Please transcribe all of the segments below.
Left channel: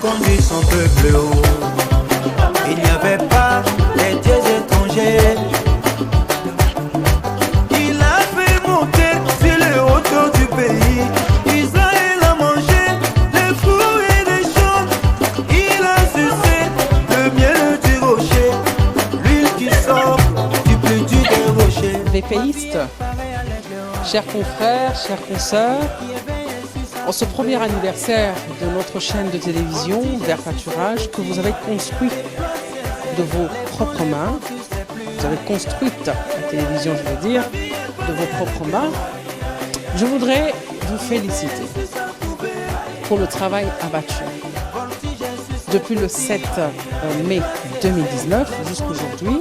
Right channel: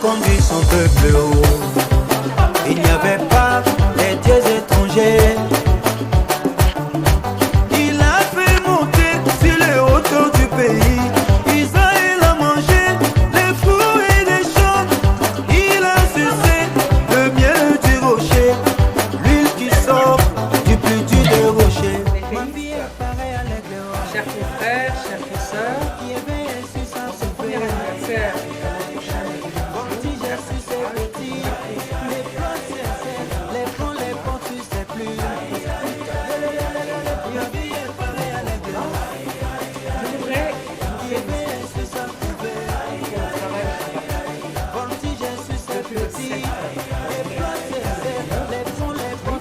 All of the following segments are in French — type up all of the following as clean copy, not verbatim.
conduit son peuple haut. Il n'y avait pas les dieux étrangers. Il a fait monter sur les hauteurs du pays. Israël a mangé les fruits et les champs. Il a sucé le miel du rocher, l'huile qui sort du plus dur des rochers. Les pays, chers confrères, chers consoeurs, en ce premier anniversaire de notre chaîne de télévision, Vert Pâturage, que vous avez construit de vos propres mains, vous avez construite la télévision, je veux dire, de vos propres mains, je voudrais vous féliciter pour le travail abattu. Depuis le 7 mai 2019 jusqu'aujourd'hui,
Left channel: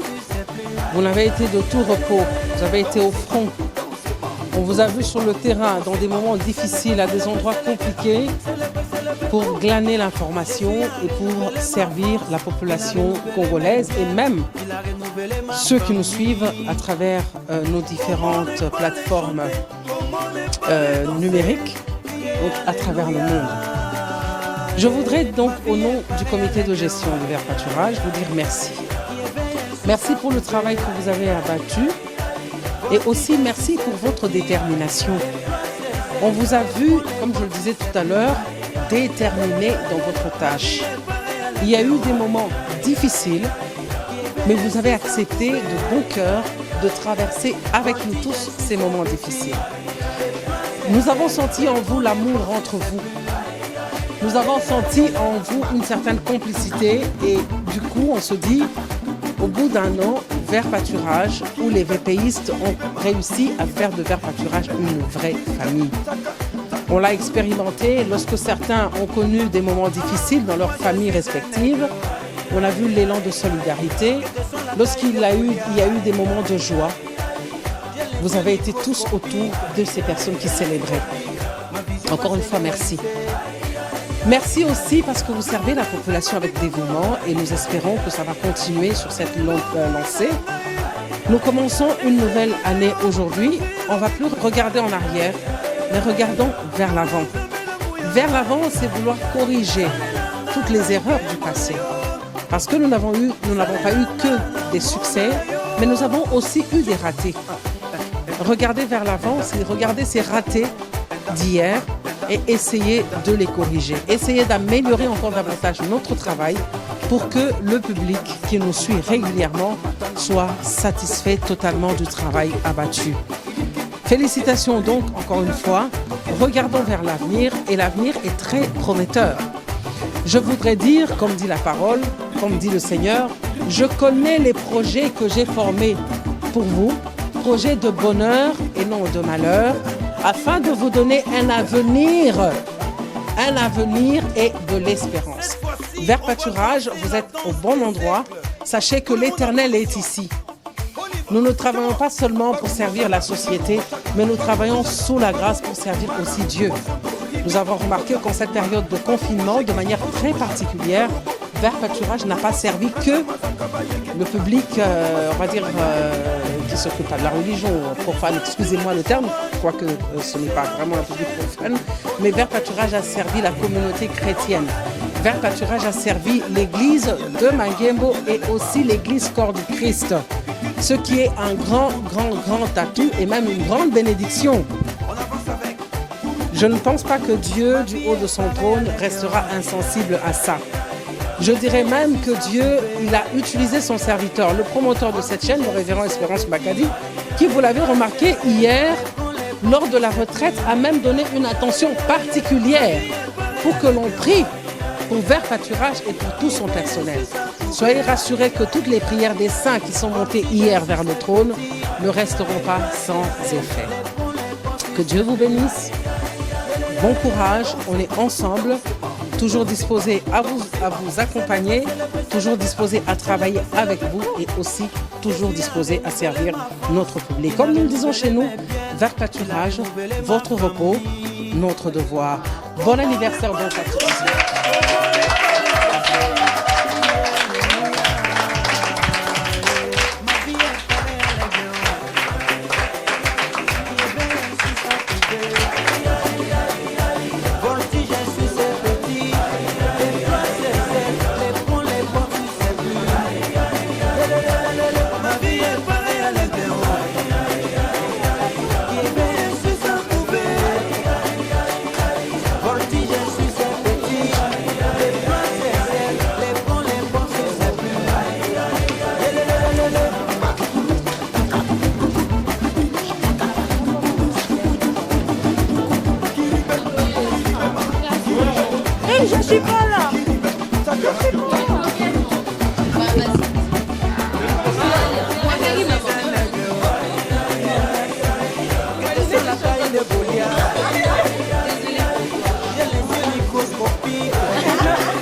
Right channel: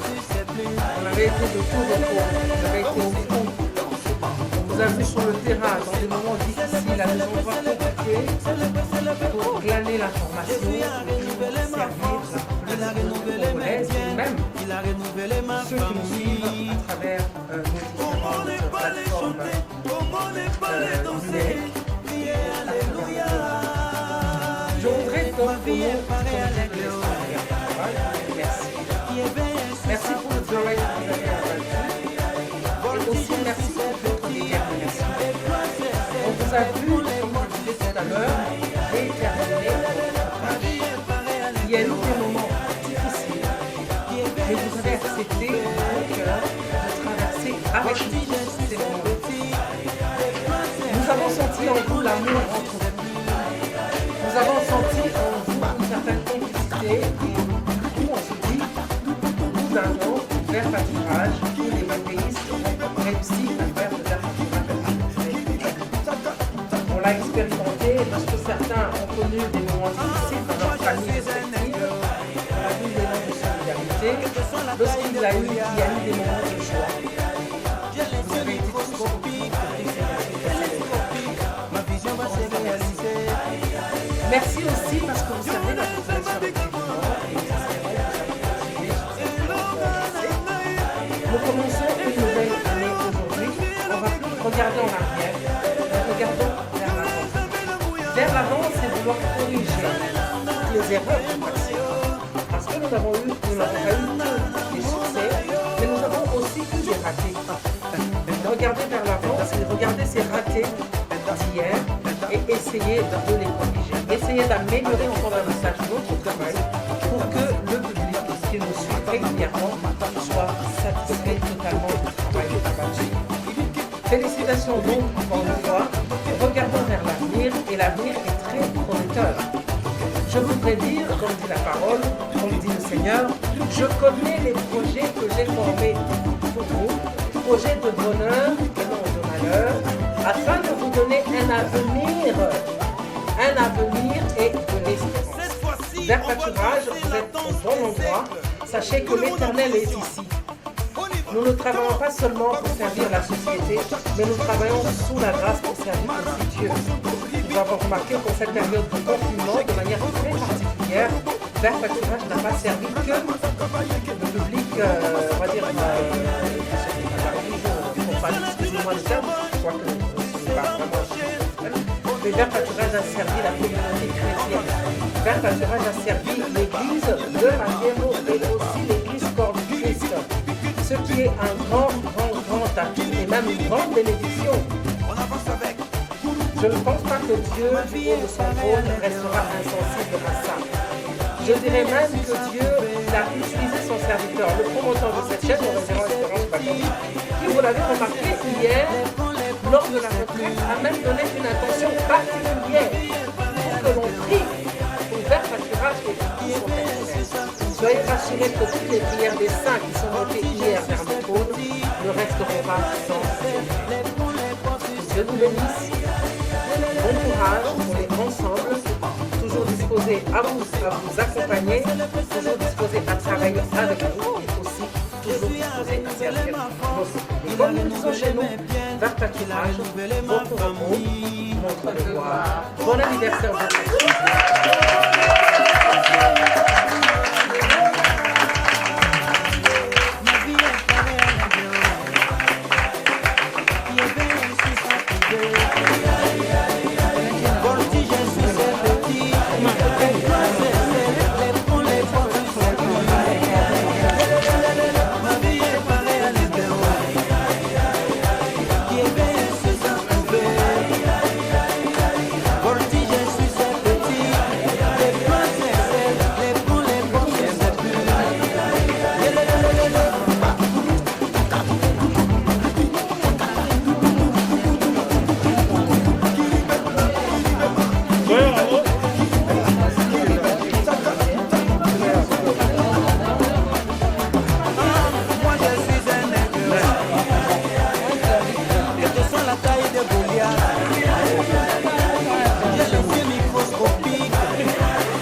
vous n'avez été de tout repos, vous avez été au front. On vous a vu sur le terrain dans des moments difficiles, à des endroits compliqués, pour glaner l'information et pour servir la population congolaise et même ceux qui nous suivent à travers nos différentes plateformes numériques, à travers le monde. Je voudrais donc, au nom du comité de gestion de Vert Pâturage, vous dire merci. Merci pour le travail que vous avez abattu et aussi merci pour votre détermination. On vous a vu, comme je le disais tout à l'heure, déterminé dans votre tâche. Il y a eu des moments difficiles, mais vous avez accepté de bon cœur de traverser avec nous tous ces moments difficiles. Nous avons senti en vous l'amour entre vous. Nous avons senti en vous une certaine complicité et du coup on se dit, au bout d'un an, Vert Pâturage, où les VPistes ont réussi à faire de Vert Pâturage une vraie famille. On l'a expérimenté lorsque certains ont connu des moments difficiles dans leurs familles respectives. On a vu l'élan de solidarité. Lorsqu'il y a eu des moments de joie, vous avez été tous autour de ces personnes qui célébraient. Encore une fois, merci. Merci aussi parce que vous servez la population avec dévouement et nous espérons que ça va continuer sur cette longue lancée. Nous commençons une nouvelle année aujourd'hui. On va plus regarder en arrière, mais regardons vers l'avant. Vers l'avant, c'est vouloir corriger toutes les erreurs du passé. Parce que nous n'avons pas eu que des succès, mais nous avons aussi eu des ratés. Regarder vers l'avant, c'est regarder ces ratés d'hier et essayer de les corriger. Essayer d'améliorer encore davantage notre travail pour que le public qui nous suit régulièrement soit satisfait totalement du travail abattu. Félicitations donc encore une fois. Regardons vers l'avenir et l'avenir est très prometteur. Je voudrais dire, comme dit la parole, comme dit le Seigneur, je connais les projets que j'ai formés pour vous, projets de bonheur et non de malheur, afin de vous donner un avenir et de l'espérance. Vert Pâturage, vous êtes au bon endroit. Sachez que l'Éternel est ici. Nous ne travaillons pas seulement pour servir la société, mais nous travaillons sous la grâce pour servir aussi Dieu. Nous avons remarqué qu'en cette période de confinement, de manière très particulière, Vert Pâturage n'a pas servi que le public, on va dire, qui s'occupe de la religion profane, excusez-moi le terme, je crois que ce n'est pas vraiment un public profane, mais Vert Pâturage a servi la communauté chrétienne. Vert Pâturage a servi l'église de Mangembo et aussi l'église Corps du Christ, ce qui est un grand atout et même une grande bénédiction. Je ne pense pas que Dieu, du haut de son trône, restera insensible à ça. Je dirais même que Dieu a utilisé son serviteur, le promoteur de cette chaîne, le révérend Espérance Bakali, qui, vous l'avez remarqué hier, lors de la retraite, a même donné une attention particulière pour que l'on prie pour Vert Pâturage et pour tout son personnel. Soyez rassurés que toutes les prières des saints qui sont montées hier vers le trône ne resteront pas sans effet. Que Dieu vous bénisse. Bon courage, on est ensemble, toujours disposés à vous accompagner, toujours disposés à travailler avec vous et aussi toujours disposés à servir notre public. Comme nous le disons chez nous, Vert Pâturage, votre repos, notre devoir. Bon anniversaire, Vert Pâturage. Voltige, je suis petit, et toi Moi je suis un nègre. Que te soit la taille de Goliath. J'ai les yeux microscopiques.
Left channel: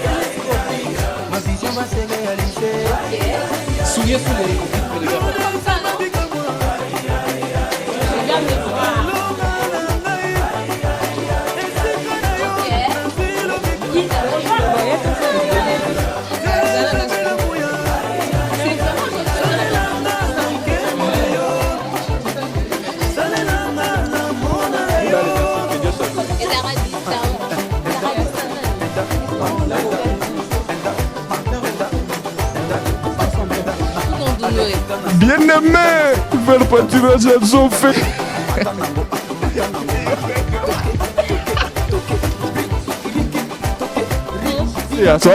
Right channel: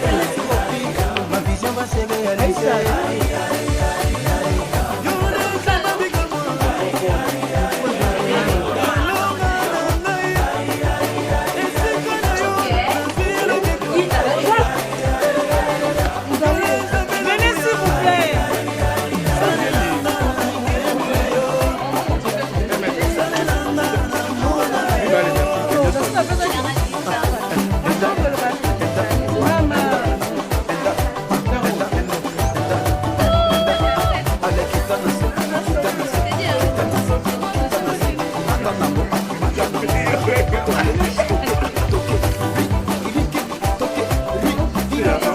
Télescopiques. Ma vision va se réaliser. Souillez tous les. Bien-aimé, belle pâturage, elles ont fait. Et à toi?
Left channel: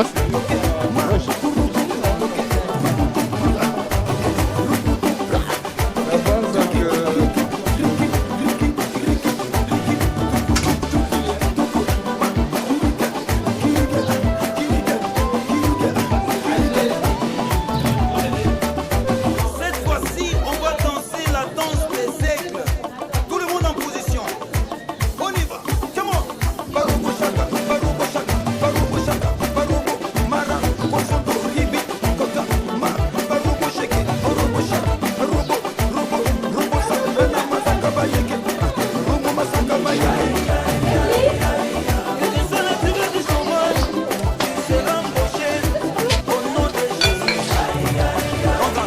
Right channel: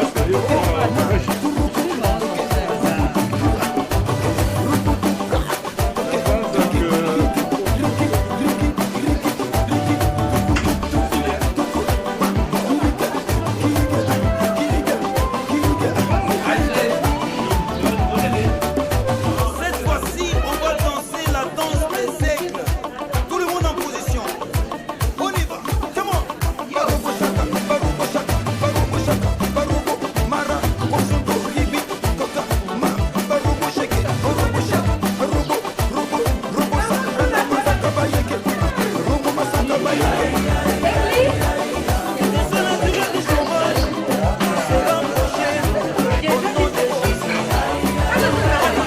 Cette fois-ci, on va danser la danse des aigles. Tout le monde en position. On y va. Come on. Barubo shaka, barubo shaka, barubo shaka, barubo mara, kosondo ribi, kota ma, barubo shake, barubo shaka, barubo, robo, robo sa, rana masaka bayeke, robo masaka bayeke. Les jeunes durée du chômage, c'est embauché au nom de Jésus. On va.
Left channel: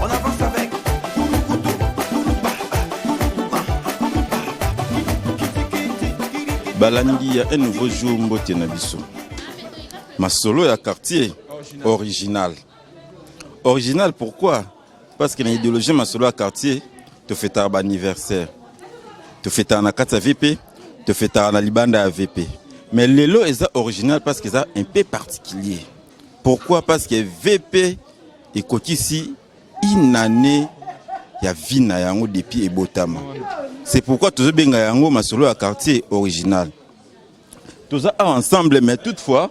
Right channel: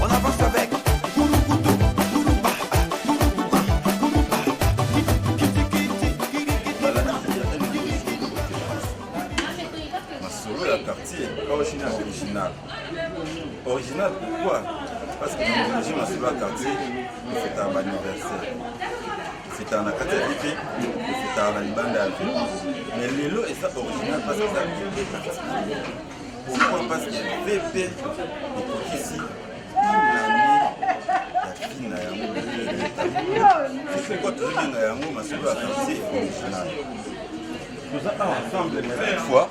On avance avec. Balangi ya un nouveau jour mbote na biso. Masolo ya quartier original. Original pourquoi? Parce que l'idéologie masolo ya quartier te fait un anniversaire. Te fait un akata VP, te fait un libanda à VP. Mais lelo est original parce que c'est un peu particulier. Pourquoi? Parce que VP est ici une année ya vie na yango depuis ebotam. C'est pourquoi tous benga yango masolo ya quartier original. Tous ça ensemble mais toutefois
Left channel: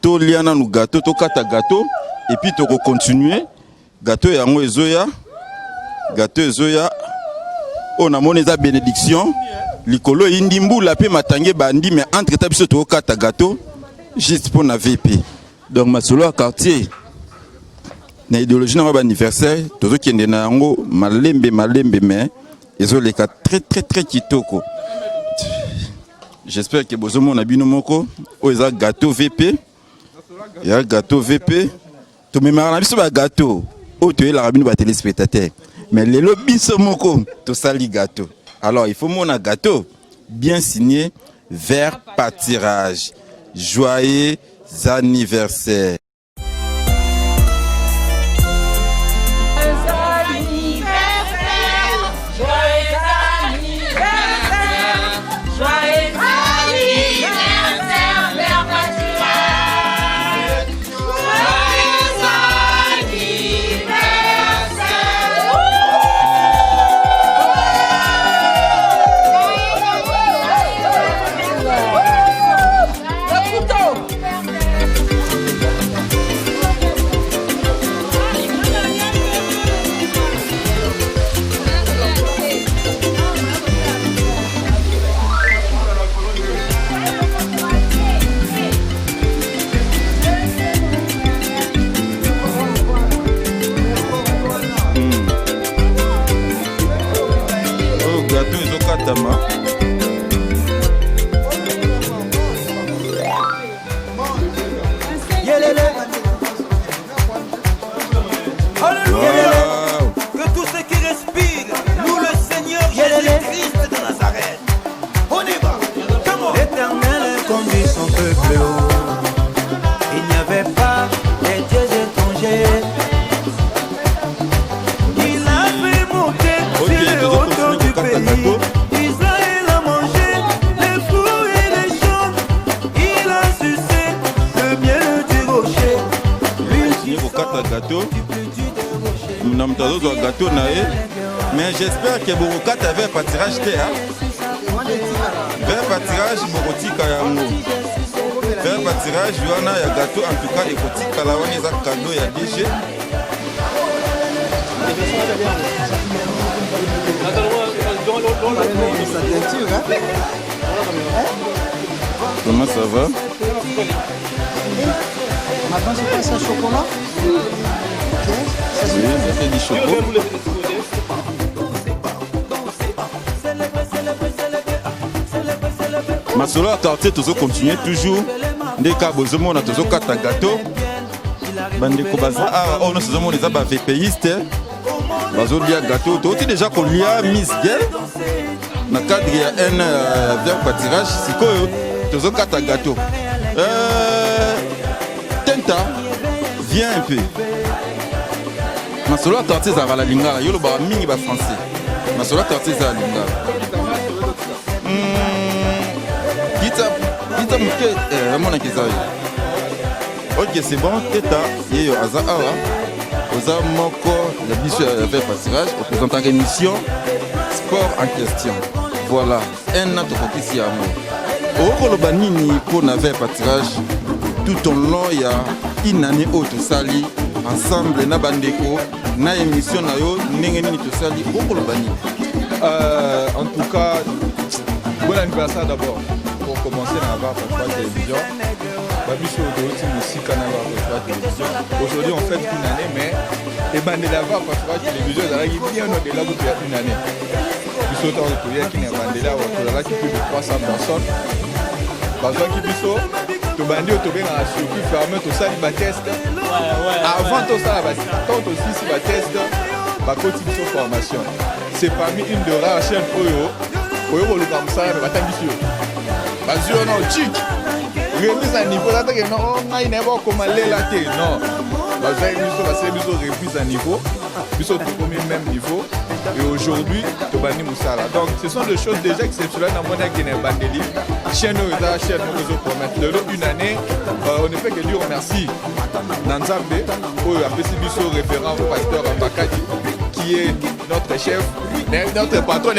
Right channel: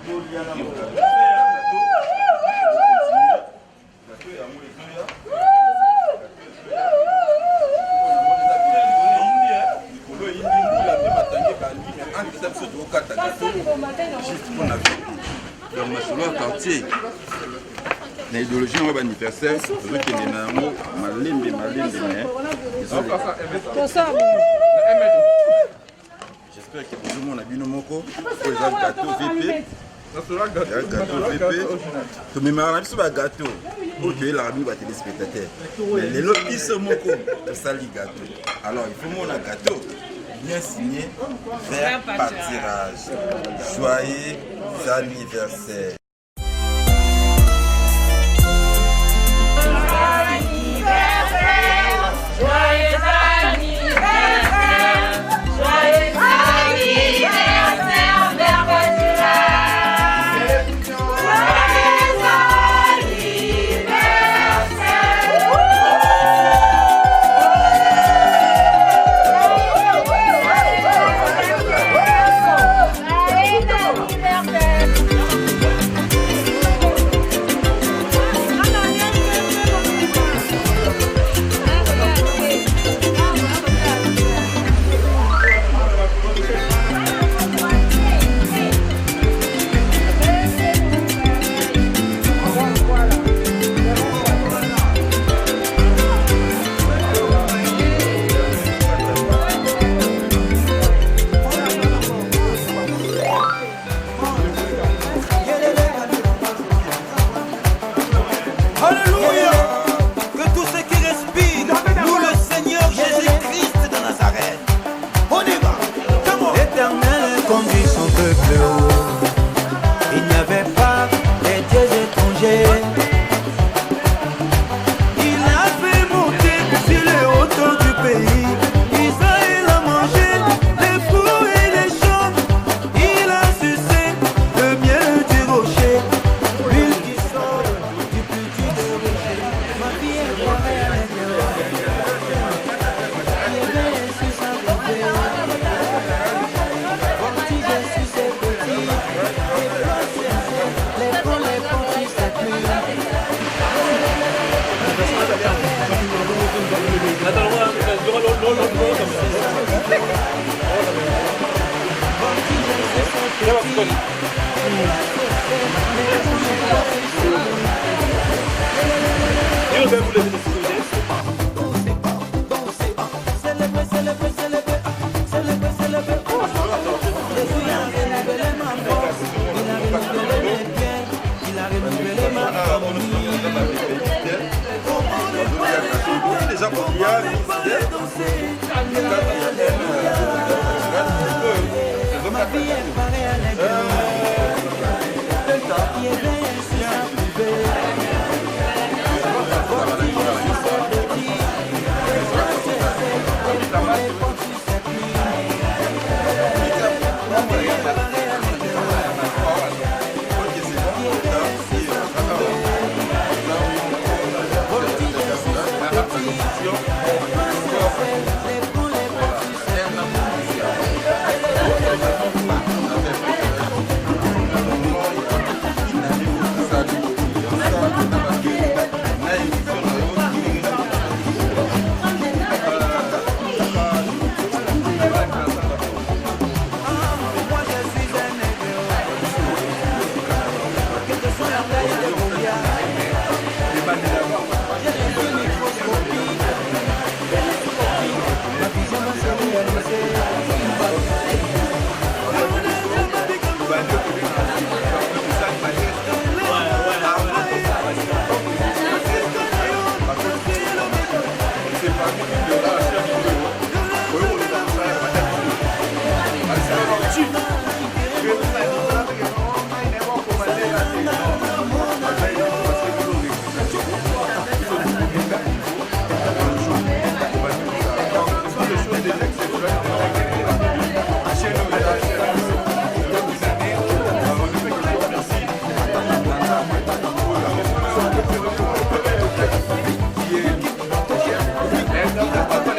to liana nous gâteau to kata gâteau et puis to continuer gâteau yango ezoya on a monné za bénédiction likolo indi mbula pe matange bandi mais entre tabiso to kata gâteau juste pour na VP. Donc masolo ya quartier na idéologie na ba anniversaire tozo kende na yango malembe mais ils ont les cas très kitoko. J'espère que bozomo na bino moko o eza gâteau VP. Il y a gâteau VP. To me na biso ba gâteau. O to la bino ba téléspectateur. Mais les biso moko to sali gâteau. Alors il faut mon gâteau bien signé vers pâturage. Joyeux anniversaire. Son peuple haut. Il n'y avait pas des dieux étrangers. Il a fait monter sur les hauteurs du pays. Israël a mangé les fruits et les champs. Il a sucé le miel du rocher. L'huile qui sort du plus dur des rochers. moto azozwa gâteau na ye mais j'espère que bokokata vers pâtirage te vers pâtirage bokotika yango vers pâtirage wana ya gâteau en tout cas ekotikala wana eza cadeau ya dg Comment ça va? Masolo ya quartier tozocontinue toujours ndeka bozomona tozokata gâteau bandeko bafa ono tozomona eza bavpiste bazolia gâteau tokoki déjà kolia miske na cadre ya un ver pâtirage sikoyo tozokata gâteau tenta viens un peu masolo ya quartier ezalaka na lingala yoloba mingi bafrançais masolo ya quartier ezala lingala ok c'est bon teta yeyo aza awa oza moko ya biso ya ver pâtirage présentaka émission sport en question voilà un an tokokisi yango okoloba nini mpona ver pâtirage tout au long ya une année oyo tosali ensemble na bandeko na émission na yo ndenge nini tosali okoloba nini En tout cas, bon anniversaire d'abord. Pour commencer, on va voir la vision. La vision aussi, Canada. Aujourd'hui, on fait une année, mais les bandes d'abord, parce que je suis là, il y a une année. La vision va se réaliser. 300 personnes. Parce que le bandit autour dans la structure permet tout ça, les test. Avant tout ça, quand on dit si la test, ma petite formation. C'est parmi une de la chaîne pour eux. Pour eux, on ça, il va t'habituer. Parce que on cheat. Il y a des années, on a dit non, on a comment aller là. Non. Parce que nous avons plus à niveau. Nous sommes tous au même niveau. Et aujourd'hui, on va dire ça. Donc, ce sont des choses déjà exceptionnelles dans mon année qui n'est pas dédiée. Chaîne où il y a chaîne de une année, on ne fait que dire merci. L'ensemble, pour la récidition référent au acteur qui est notre chef. Notre patron est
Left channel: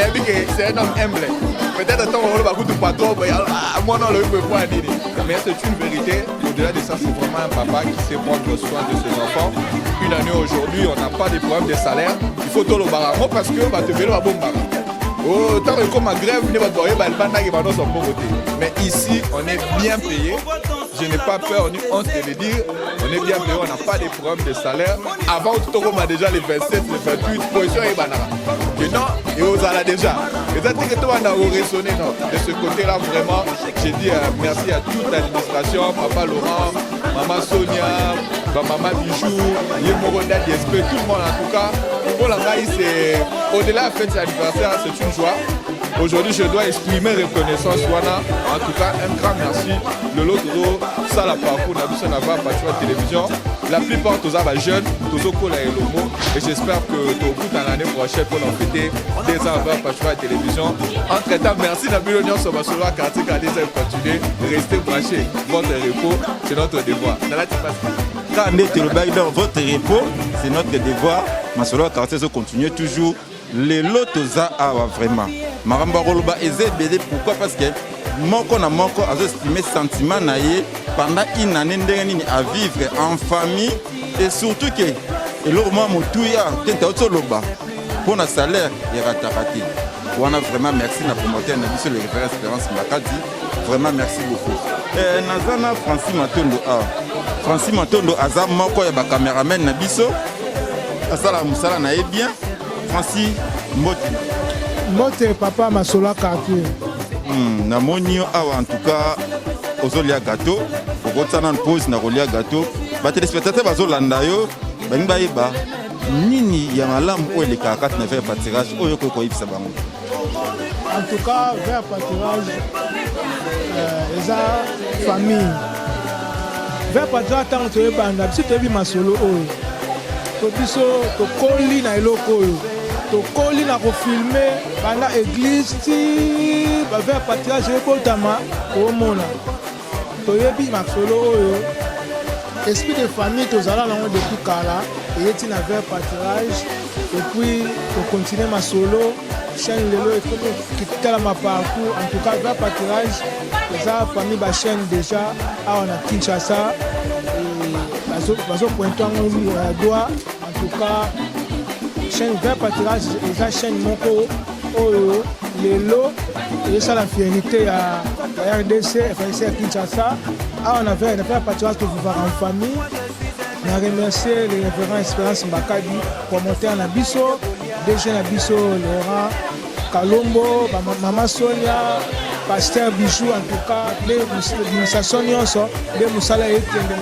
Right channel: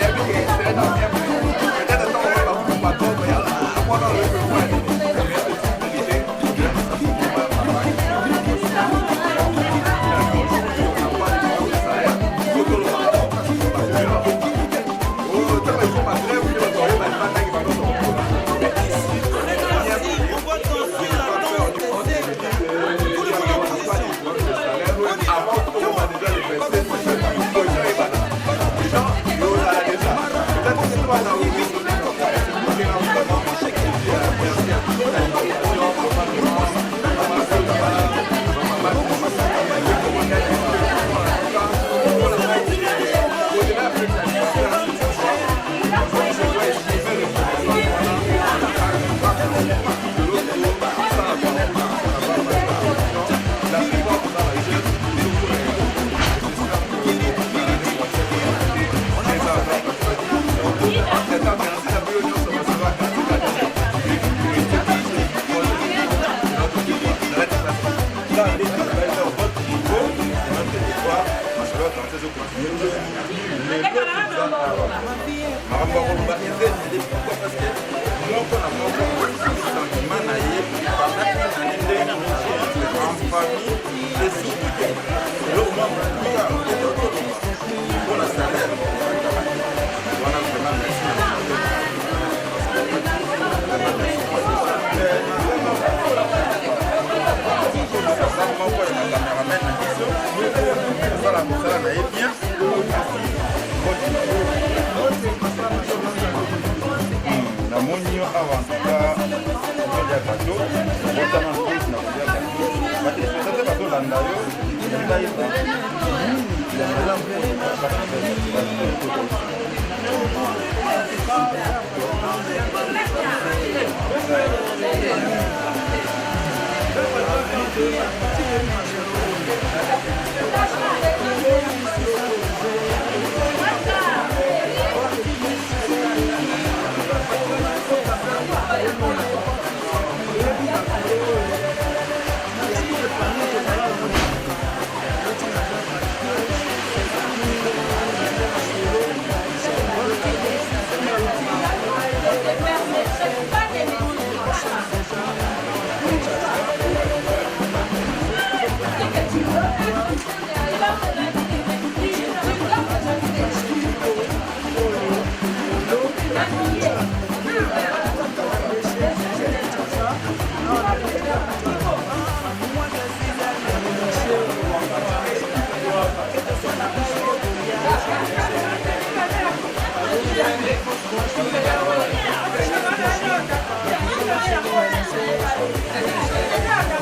c'est un homme humble. Peut-être que on va vous patron, mais moi non, le peut pas dire. Mais c'est une vérité. Je l'ai dit ça pour moi, papa, qui s'est bien soin de ses enfants. Une année aujourd'hui, on n'a pas de problème de salaire. Il faut tout le barreau parce que va te venir à bon temps. Oh, tant que comme ma grève, il va travailler, il va nous en prendre. Mais ici, on est bien payé. Je n'ai pas peur, on se dit, on n'a pas de problème de salaire. Avant, tout le monde a déjà les versé, c'est une position et banane. Les gens, ils osent aller déjà. Peut-être que tout le monde a résonné de ce côté-là, vraiment. J'ai dit merci à toute l'administration, Papa Laurent, Maman Sonia, Maman Bichou, les Corona d'esprit, tout le monde en tout cas. Pour la maïs, c'est au-delà de l'anniversaire, c'est une joie. Aujourd'hui, je dois exprimer reconnaissance. Voilà, en tout cas, un grand merci de l'autre côté. Ça la part pour la mission là-bas, parce que la télévision, la plupart de nos jeunes, tous nos collègues. Et j'espère que dans l'année prochaine, on a fêté des ans à la télévision. Entre-temps, merci la Bionion sur ma soirée car c'est à nous de continuer de rester cachés. Votre repos, c'est notre devoir. Votre repos, c'est notre devoir. Ma soeur quartier se continue toujours. Les lots vraiment. Maramba Roloba est pourquoi parce que moko na moko a exprimé sentiment naïe pendant une année à vivre en famille et surtout que le moment où tout est autoloba pour le salaire et la thérapie. Vraiment merci à vous monsieur le vrai Espérance Makati. Vraiment merci beaucoup. Francis Matondo Azar moko ya ba cameraman na biso. Asala musala na bien. Francis Mote papa Masola Kanté. Namoni awa en tout cas ozolia gâteau. Wotana pause na rolia gâteau. Ba téléspectateurs bazolanda yo. Bani ba nini ya malamu ko le kaka te faire pâtirage oyo ko koyisa ba. En tout cas, faire pâtirage les familles. Faire pâtirage quand tu veux pas ngati ebi masolo oyo. Tokiso tokoli na eloko oyo. Tokoli na kofilme bana église ti ba faire pâtirage ekotama omona. Toyebi masolo oyo. Est-ce que les familles tozala na motukala et eti na faire pâtirage continue masolo chaîne lelo kitala maparcours en tout cas grand pâturage eza famille bachaîne déjà awa na Kinshasa bazopointe yango niveau ya droit en tout cas chaîne grand pâturage eza chaîne moko oyo lelo ezosala fidélité ya RDC ya Kinshasa awa na fait grand pâturage tokuvaka en famille na remercier le révérend Espérance Mbakadi promoteur na biso DG na biso Laurent Kalombo Mama Sonia Pasteur Bijou en tout cas l'administration nyonso nde mosala ekende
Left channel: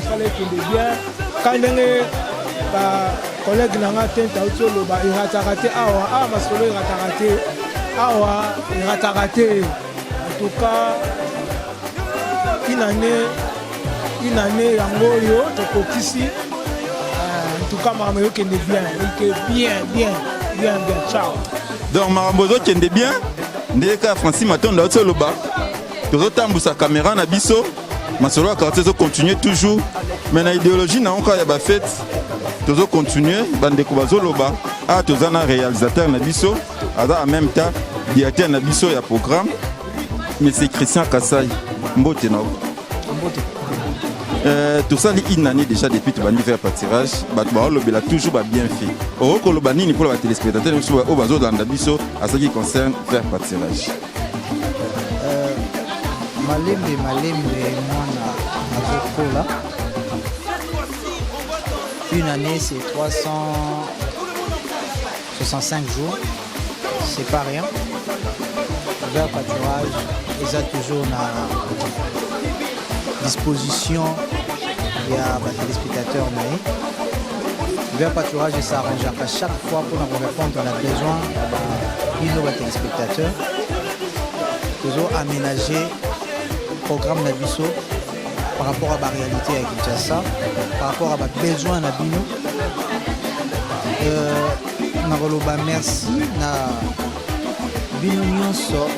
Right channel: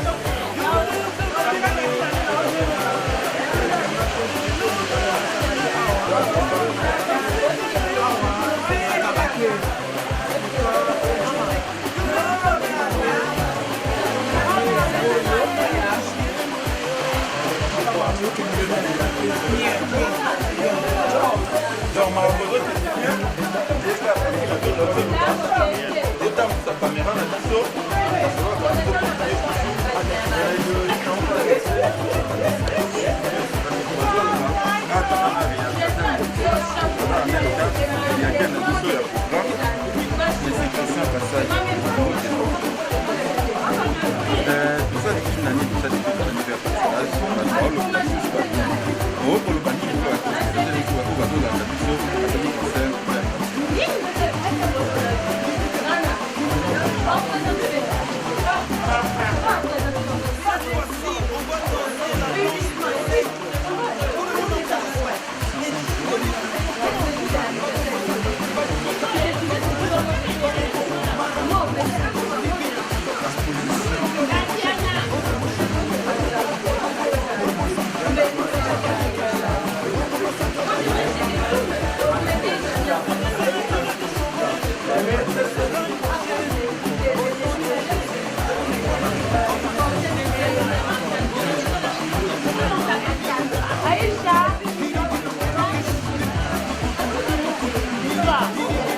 bien ka ndenge collègue nanga te tauti oloba erataka te awa masolo erataka te awa erataka te en tout cas inane yango oyo ekokisi donc makambo ezokende bien ndeka Francis Matonda oti oloba tozotambusa caméra na biso masolo ya quartier ezocontinue toujours mais na idéologie na oka ya bafete tozocontinue bandeko bazoloba awa toza na réalisateur na biso aza en même temps directeur na biso ya programme c'est Christian Kassai mbote na tosali une année déjà depuis tobandi faire pâturage bato baolobela toujours babien fi okoloba nini mpo na batelespectateur biso oyo bazolanda biso azali concerne faire pâturage. Une année c'est 365 jours, c'est pas rien. Vous êtes toujours à disposition. Vers pâturage de Sarah, à chaque fois qu'on répond à la besoin de nos téléspectateurs, nous avons aménagé le programme de Bissot par rapport à la réalité avec Kinshasa, par rapport à la besoin de Maboloba Mess, na Binyons,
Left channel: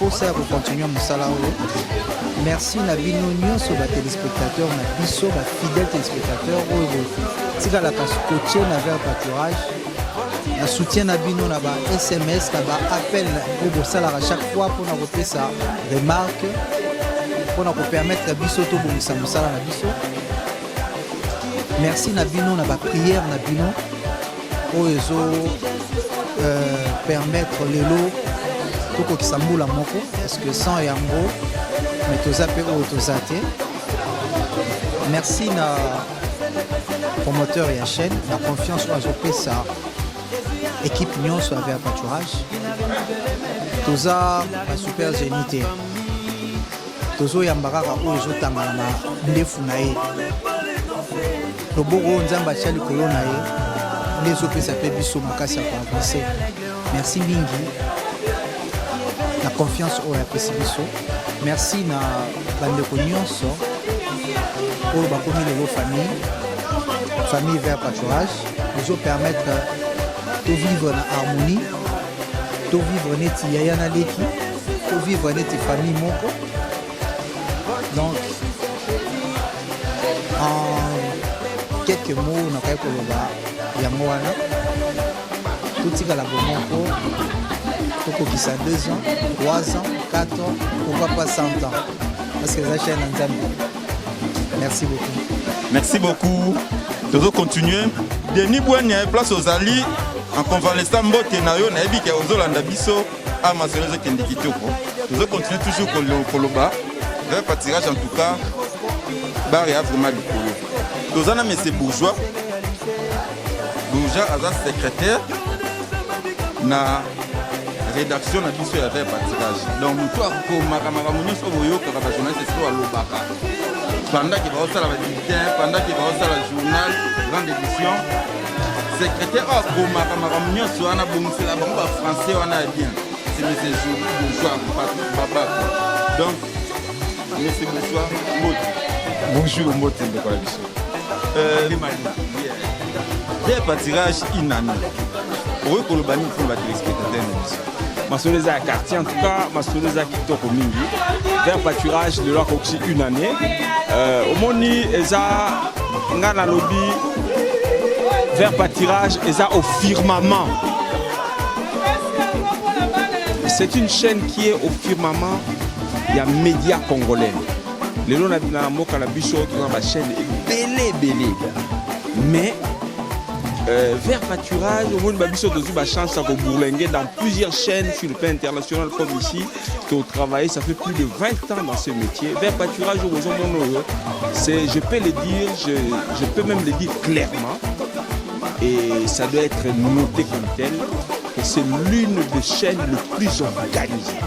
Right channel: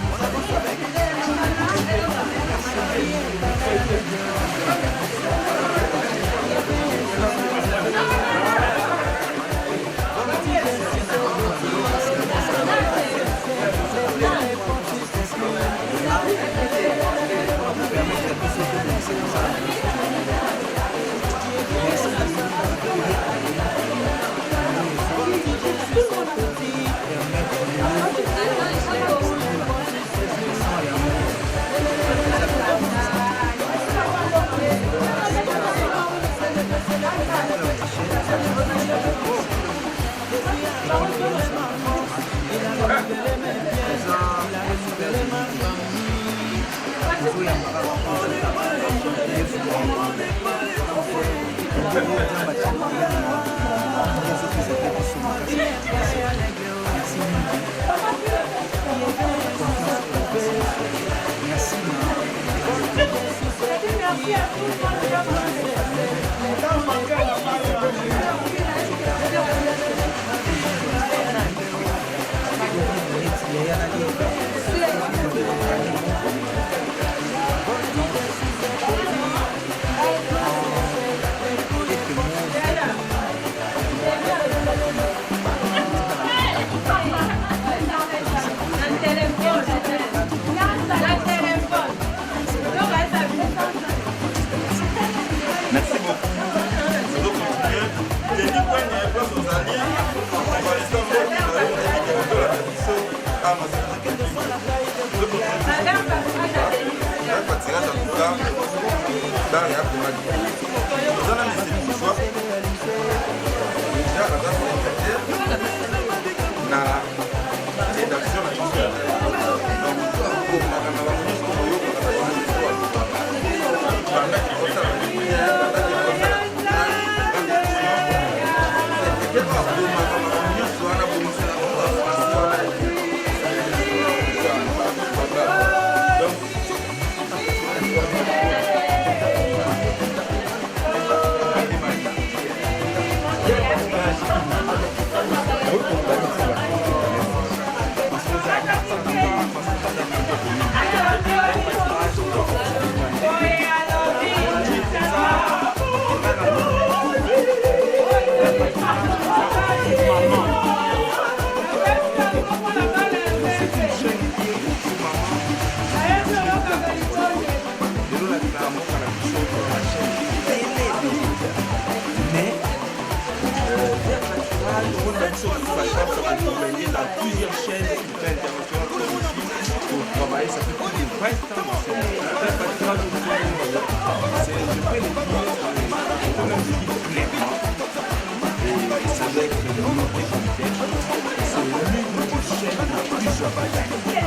pour ça, vous continuez de salarié. Merci à l'union sur les téléspectateurs, sur les fidèles téléspectateurs. C'est là qu'on soutient avec un pâturage. Le soutien à Bino, là, SMS, là, appel pour ça, là, à chaque fois qu'on a fait ça, des marques, pour nous permettre de Bissot tout pour ça, nous ça, là, merci à Bino, à la prière de Bino, pour permettre les lots, pour que ça moule à monter, parce que le sang est amoureux. Vous appelez autorisation. Merci à promoteur et à chef, la confiance que j'ai pris ça. Équipe Lyon sur le pâturage. Tous à super unité. Tous à Yamara, tous à Tamara, neuf naïs. Le beau rôle d'un bâtiment pour l'homme. Les autres s'appellent Soumaka. Merci Bingi. La confiance pour la perception. Merci à la réunion pour la famille de vos familles, famille vers pâturage, qui vous permettent de vivre en harmonie, de vivre net, il y a des de vivre net famille. Donc, en quelques mots, il y a moi, tout ça dans la première pour que ça 2 ans, 3 ans, 4 ans, pourquoi pas 100 ans. Parce que la chaîne est merci beaucoup. Merci beaucoup. Nous allons continuer. Denis Bouin, il y a place aux alliés. En convalescent, Mbote Nayo, il y a dit qu'il y a aux Olanda Bisso, à Massonozo Kendiki. Nous allons continuer toujours pour le Koloba. Un pâturage en tout cas, bar et afro mali. Nous allons mettre bourgeois. Déjà, à la secrétaire, na rédaction na biso ya taille pâturage. Donc, toi, pour ma camarade, pour moi, pour la journée, c'est pour le papa. Pendant qu'il va au salon, pendant qu'il va au salon, journal, grande édition, secrétaire, pour ma camarade, soit on a besoin de la français, on a dit. Donc, merci beaucoup. Bonjour, moi, quel pâturage inanimé. Oui, pour le panier, pour la téléspectateur. Massonoza à quartier, en tout cas, Massonoza à quartier commune. Vers pâturage de leur fonctionne une année. Au Moni, ils ont un lobby vers pâturage, ils ont au firmament. chaîne qui est au firmament, il y a médias congolais. Les gens qui ont la chaîne télé. Mais vers pâturage, au monde de la chance à Bourlinguer dans plusieurs chaînes sur le plan international comme ici, qui ont travaillé, ça fait plus de 20 ans dans ce métier. Vers pâturage, je peux le dire, je peux même le dire clairement, et ça doit être noté comme tel, c'est l'une des chaînes les plus organisées.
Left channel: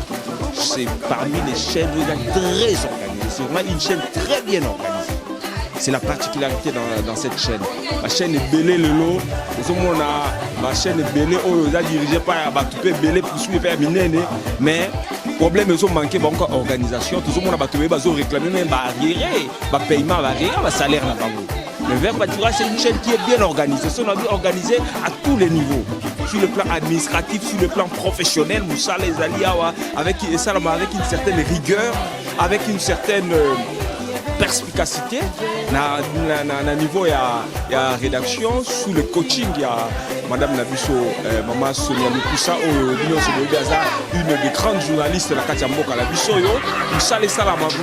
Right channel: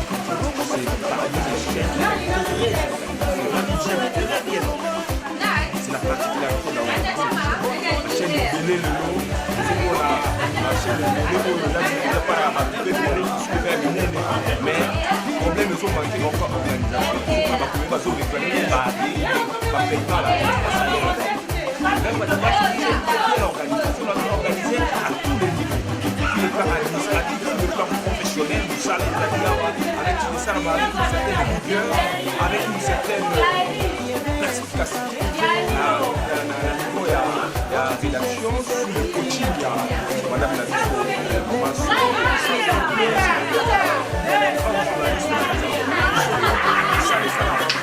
C'est parmi les chaînes très organisées. C'est vraiment une chaîne très bien organisée. C'est la particularité dans cette chaîne. La chaîne est Belé Lelo. La chaîne est Belé, dirigée par Batoupe Belé, mais problème, ils ont manqué encore d'organisation. Tout le monde a réclamé des paiements, des salaires. Le Vert Pâturage, c'est une chaîne qui est bien organisée. C'est organisée à tous les niveaux. Sur le plan administratif, sur le plan professionnel, nous ça les alliés avec une certaine rigueur, avec une certaine perspicacité. À niveau il y a rédaction, sous le coaching, il y a Madame Nabiso, Maman Soulou, une des grandes journalistes de la Katiambo, ça les salams, qui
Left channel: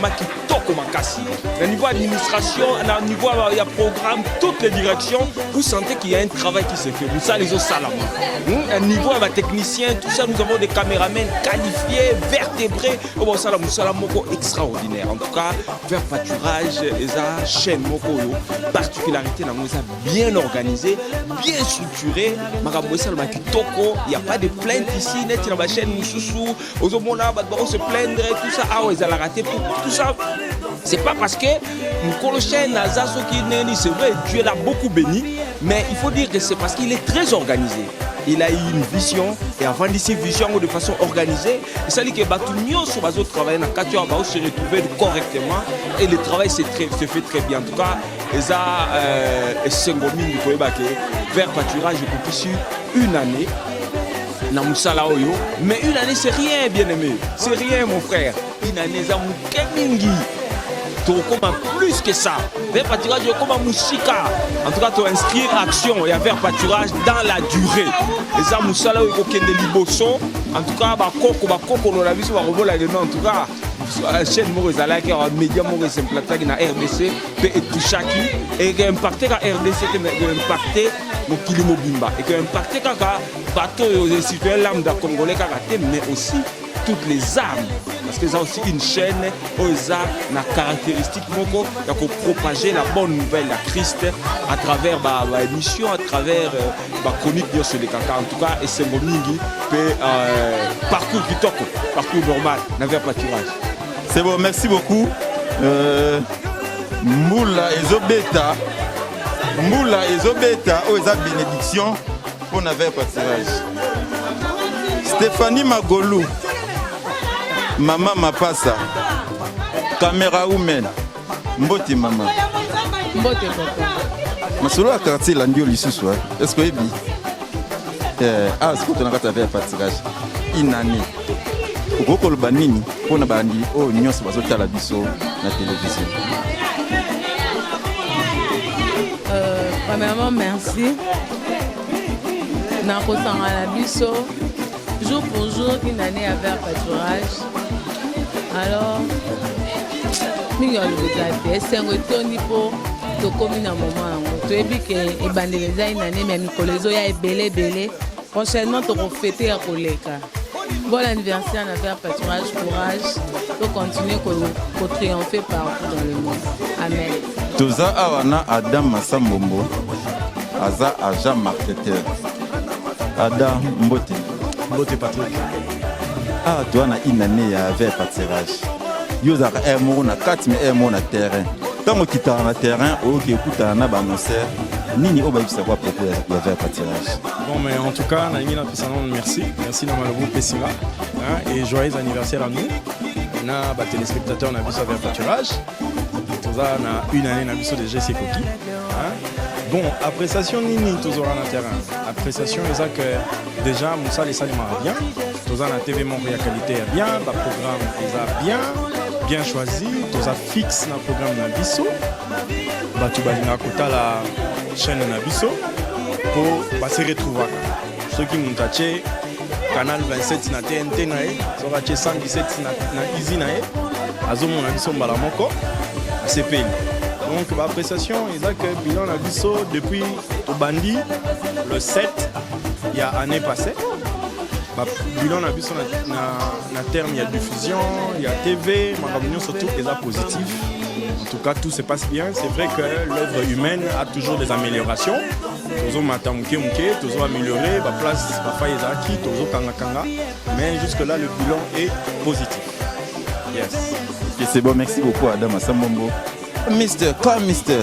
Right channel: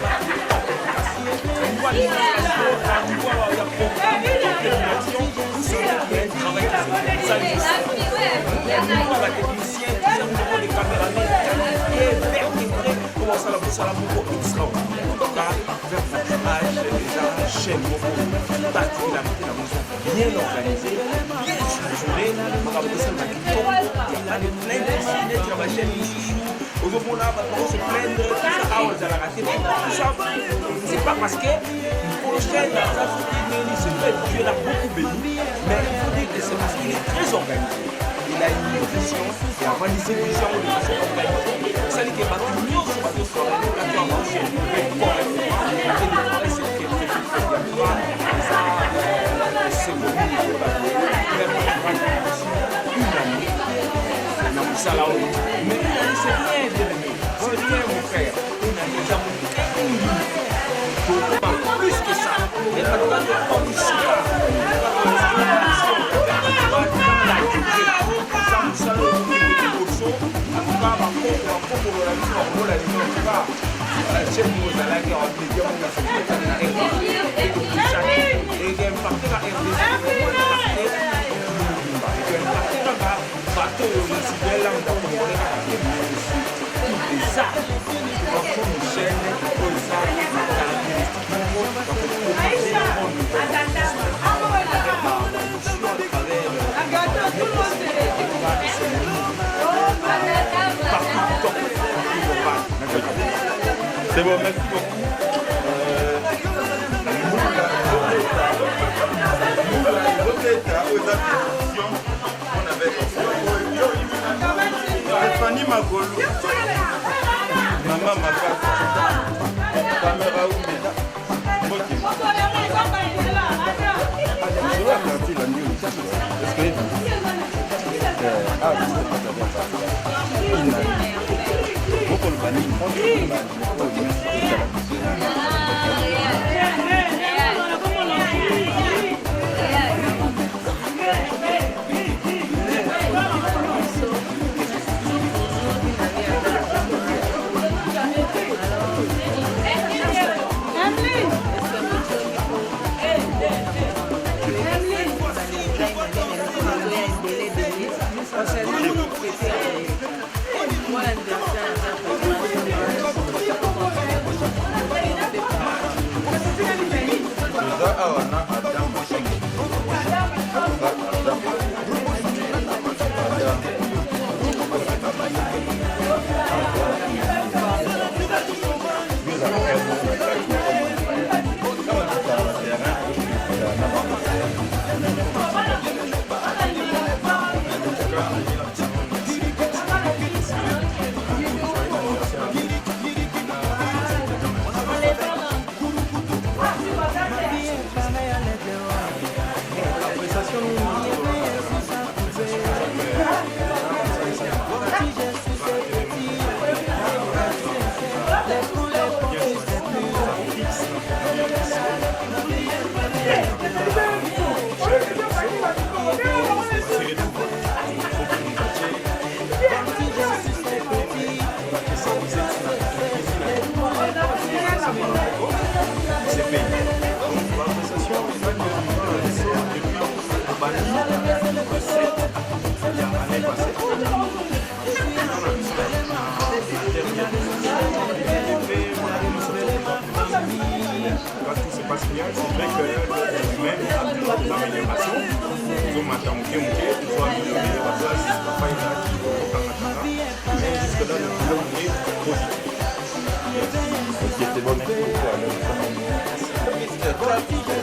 toque ma casse. Au niveau administration, au niveau il y a programme, toutes les directions, vous sentez qu'il y a un travail qui se fait. Vous ça les autres salams. Au niveau de la technicien, tout ça, nous avons des caméramans qualifiés, vertébrés, comment ça, nous sommes extraordinaire. En tout cas, vers pâturage, les chaînes, particularité dans nos bien organisé, bien structuré. Il n'y a pas de plainte ici, d'être dans ma chaîne, aux opposants, on se plaindre, tout ça, ah, ils ont raté, tout ça. C'est pas parce que nous chaîne, c'est vrai, tu es là beaucoup béni, mais il faut dire que c'est parce qu'il est très organisé. Il a eu une vision, et avant de cette vision de façon organisée, c'est-à-dire que nous sommes au travail, quand tu as se retrouver correctement, et le travail se fait très bien. En tout cas, c'est bon, nous faire pâturage depuis une année. Mais une année, c'est rien, bien aimé. C'est rien, mon frère. Une année, c'est plus que ça. Vers pâturage, comme un musica. En tout cas, tu inscris l'action. Il y a vers pâturage dans la durée. Les amoussala au bouquet de Liboso. En tout cas, on a vu sur la en tout cas, la chaîne Maurice à la guerre, média Maurice, c'est l'attaque dans RDC, et tout chaque. Et il y a impacté dans RDC, il y a impacté au Kilimo Bimba. Et il y a impacté dans bateau et les citoyens lambda congolais, mais aussi toutes les armes. Parce que c'est aussi une chaîne aux armes, la caractéristique pour propager la bonne nouvelle, la triste, à travers l'émission, à travers la chronique de ce décalage. En tout cas, et c'est mon niveau que parcours Vitoko, parcours normal, n'avait pas de mal. C'est bon, merci beaucoup. Moula Ezobeta, aux bénédictions, on avait pas Stéphanie Magolou, Maman Mapassa, Caméra Women, Mboti Maman. Sur la quartier, l'andio ici, est-ce que vous avez un partage une année. Beaucoup de banines, on a banni, oh, nous sommes à la biso. Premièrement, merci. Dans le temps à la biso, jour pour jour, une année à faire pâturage. Alors, c'est retourné pour le commune à moment. Je dis que les bandits une année, mais les oya est belé. Prochainement, on va fêter à Oleka. Bon anniversaire à faire pâturage, courage, pour continuer à triompher par Amen. Toza awana Adam Massambombo, Aza Aja Marketer. Adam Mbote. Ah, tu as une année avec pâturage. Yo za na kati na terrain. Tant que tu es na terrain, au début tu as na concert, mini on va savoir peut-être avec pâturage. Bon mais en tout cas, merci de m'avoir plaisir. Et joyeux anniversaire à nous. On a les téléspectateurs on a vu avec pâturage. On a une année sur le GC. Bon, appréciation toujours en terrain. Appréciation c'est que déjà on sait les 5 mois bien. Nous avons la TV mon qualité bien, le programme bien choisi, nous avons fixe dans le programme de Bisso. Tu vas écouter la chaîne de Bisso pour passer retrouver ceux qui nous cachent canal 27 na TNT na ye soki atie 117 na kizi na ye azomona biso mbala moko CPI. Donc bappréciation eza ke bilan na biso depuis tobandi le 7 ya année passée bilan na biso na terme ya diffusion ya TV makambo nyonso tout eza positif. En tout cas, tout se passe bien. C'est vrai que l'œuvre humaine a toujours des améliorations. Nous avons amélioré la place, mais jusque-là, le bilan est positif. Yes. Okay, c'est bon, merci beaucoup, Adam Assambombo. Mister, quoi, Mister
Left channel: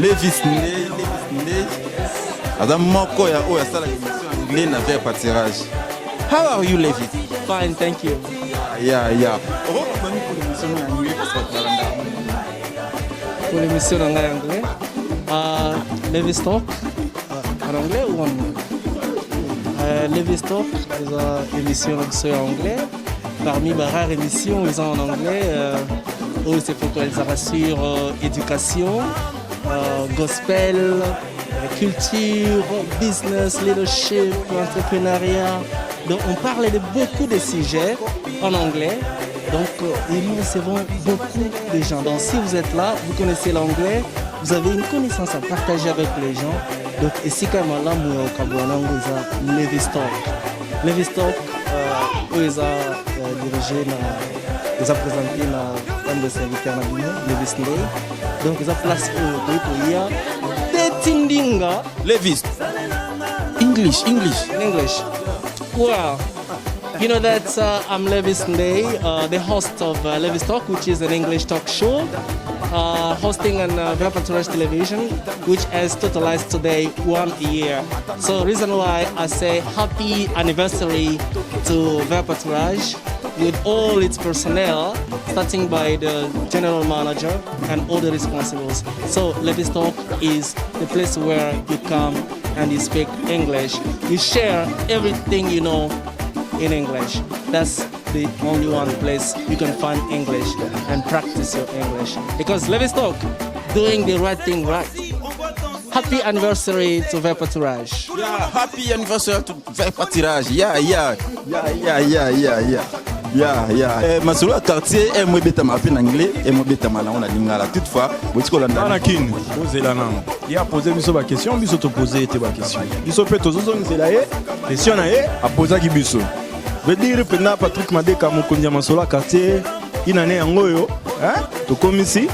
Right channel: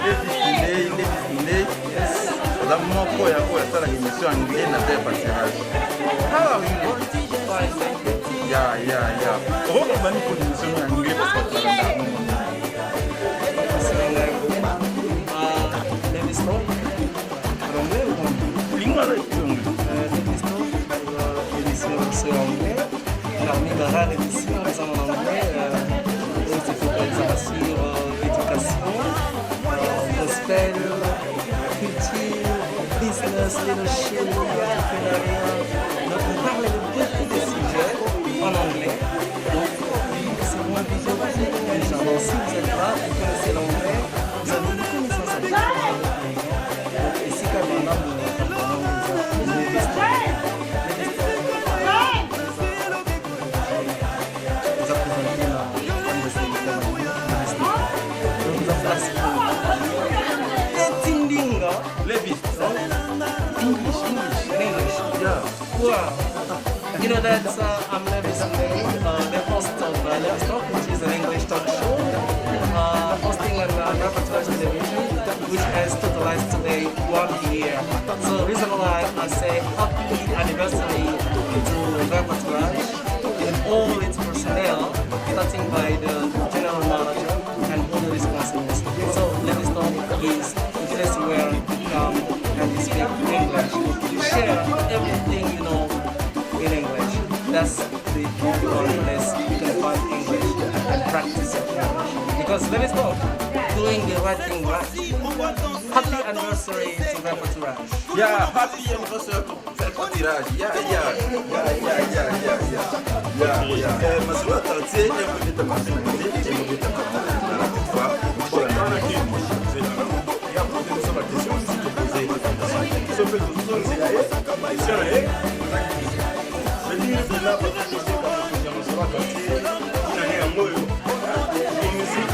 Levis Ndé. Adam Moko, ya sala émission anglais na vers pâturage. How are you, Levis? Fine, thank you. Yeah. Pourquoi on va nous pour l'émission anglais parce qu'on parle pour l'émission anglais? Levis-Stop. Levis-Stop, c'est une émission anglais. Parmi ma rare édition en anglais, où c'est focalisé sur éducation, gospel, culture, business, leadership, entrepreneuriat. Donc on parle de beaucoup de sujets en anglais. Donc nous, c'est vraiment vision des gens. Donc si vous êtes là, vous connaissez l'anglais, vous avez une connaissance à partager avec les gens. Donc ici, comme on a Levis-Stop, ils ont dirigé les approfondir la sécurité donc la place Levis. English. Wow. You know that I'm Levis Ndé, the host of Levis Talk, which is an English talk show, hosting on Ver Pâturage Television, which has totalized today 1 year. So the reason why I say happy anniversary to Ver Pâturage with all its personnel, starting by the general manager and all the responsibles. So Levis Talk is the place where you come and you speak English. You share everything you know in English. That's the only one place you can find English and practice your English. Because Levis Talk, doing the right thing right. Happy anniversary to Ver Pâturage. Yeah, happy anniversary to Ver Pâturage. Yeah. Masolo ya quartier et moi beta ma en anglais et moi beta ma en lingala. Toutefois, vous dites qu'on a dans la kin, vous êtes là non. Il a posé biso ba question, biso to poser te ba question. Biso peut to zo nzela ye, question na ye, a poser ki biso. Veut dire que na Patrick Madeka mokonzi ya masolo ya quartier, inane yango yo, hein? To comme ici.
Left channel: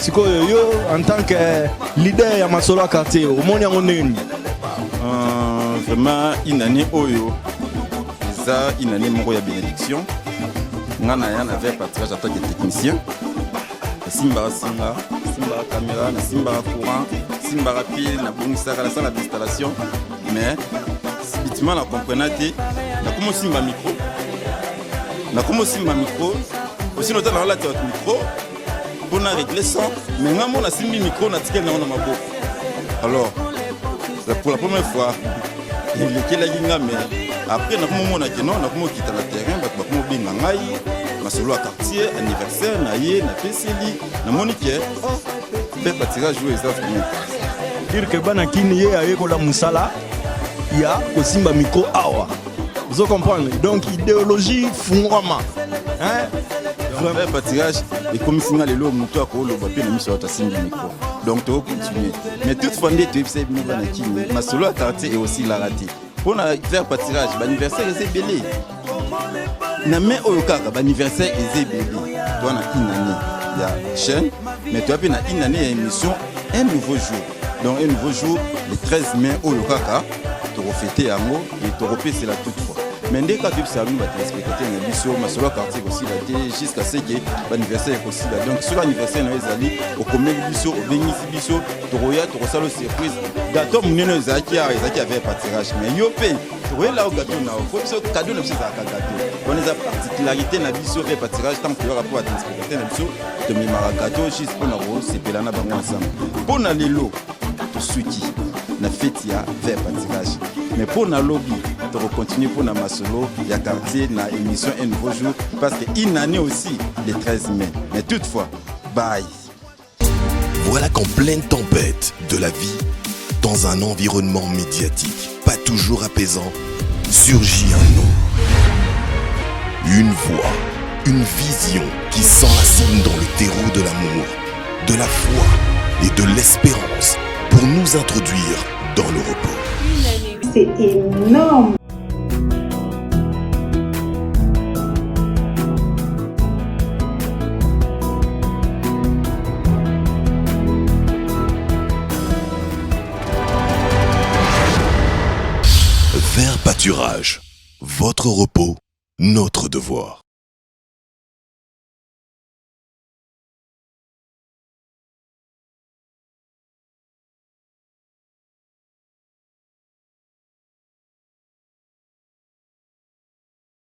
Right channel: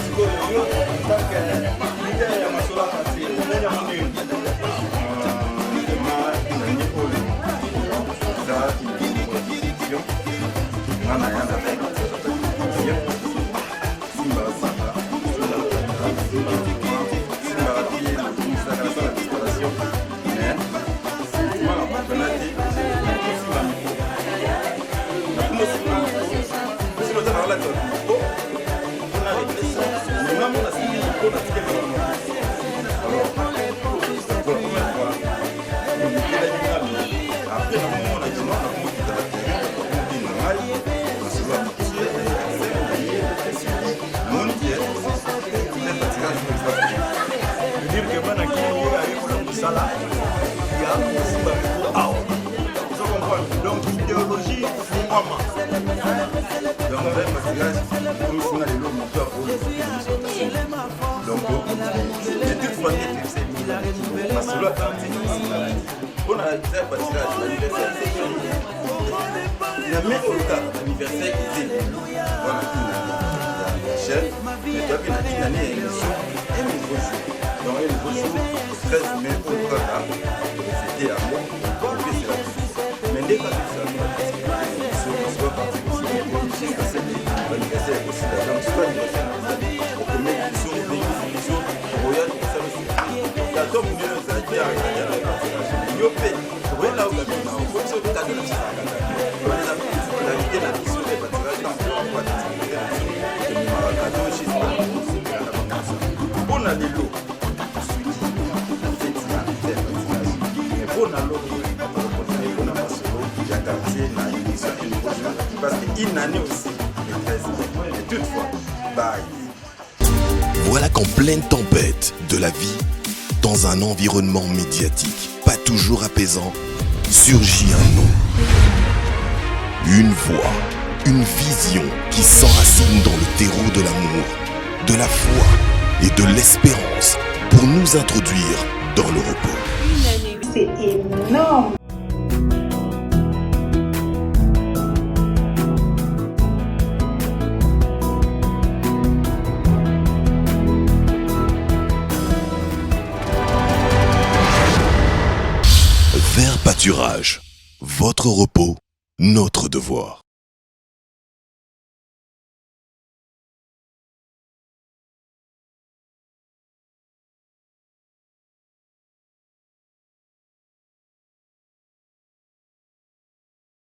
Siko yo en tant que leader ya masolo ya quartier, au monde yango nini? Vraiment inane oyo. Ça inane moko ya bénédiction. Nana ya avec Pâturage après des techniciens. Simba Sanga, Simba courant, Simba rapide, la commissaire à la salle d'installation. Mais effectivement la comprenate, comment Simba micro. Na comment Simba micro. Si l'autre a la micro, on a réglé ça. Mais même on a Simba micro, on a tiré dans la micro. Alors, pour la première fois, il y a la ligne, mais après le moment on a dit non, on a comment quitter la terrain, on a comment bien la maille. Masolo ya quartier, anniversaire, na ye, na PCD, na monique, Ver Pâturage jouer ça. Dire que bana kini ye ayekola musala, il y a aussi ma micro awa. Vous comprenez? Donc idéologie fungama. Ver Pâturage, et comme finir les lots, moto à pour le papier de mission à donc, mais toutefois, tu sais, Masolo ya quartier est aussi la raté. Pour Ver Pâturage, l'anniversaire est belé. Namé Olokaka, l'anniversaire est belé. Voilà une année de chaîne, mais tu as une année d'émission, un nouveau jour. Donc un nouveau jour, le 13 mai, Olokaka, tu vas fêter en haut et tu vas repasser la toute fois. Mais dès que tu as vu l'émission, Masolo ya quartier aussi, jusqu'à ce que l'anniversaire est aussi là. Donc sur l'anniversaire, nous allons au commun de l'émission, l'émission, tu regardes, tu reçois le surprise. Gâteau, nous nous avons dit qu'il y avait un Pâturage. Mais il y a un là où gâteau, il faut que tu aies le on les a particularité la vision Ver Pâturage tant que le rapport à l'expérimenté la vision de mes maracado juste pour ma grosse c'est là na banganza bon à l'élo suiki la fête ya Ver Pâturage mais pour na lobby on va continuer pour na masolo ya quartier na émission un nouveau jour parce que une année aussi le 13 mai mais toutefois bye Voilà qu'en pleine tempête de la vie, dans un environnement médiatique pas toujours apaisant, surgit un nom, une voix, une vision qui s'enracine dans le terreau de l'amour, de la foi et de l'espérance pour nous introduire dans le repos. Une année, c'est énorme. Vert Pâturage, votre repos, notre devoir.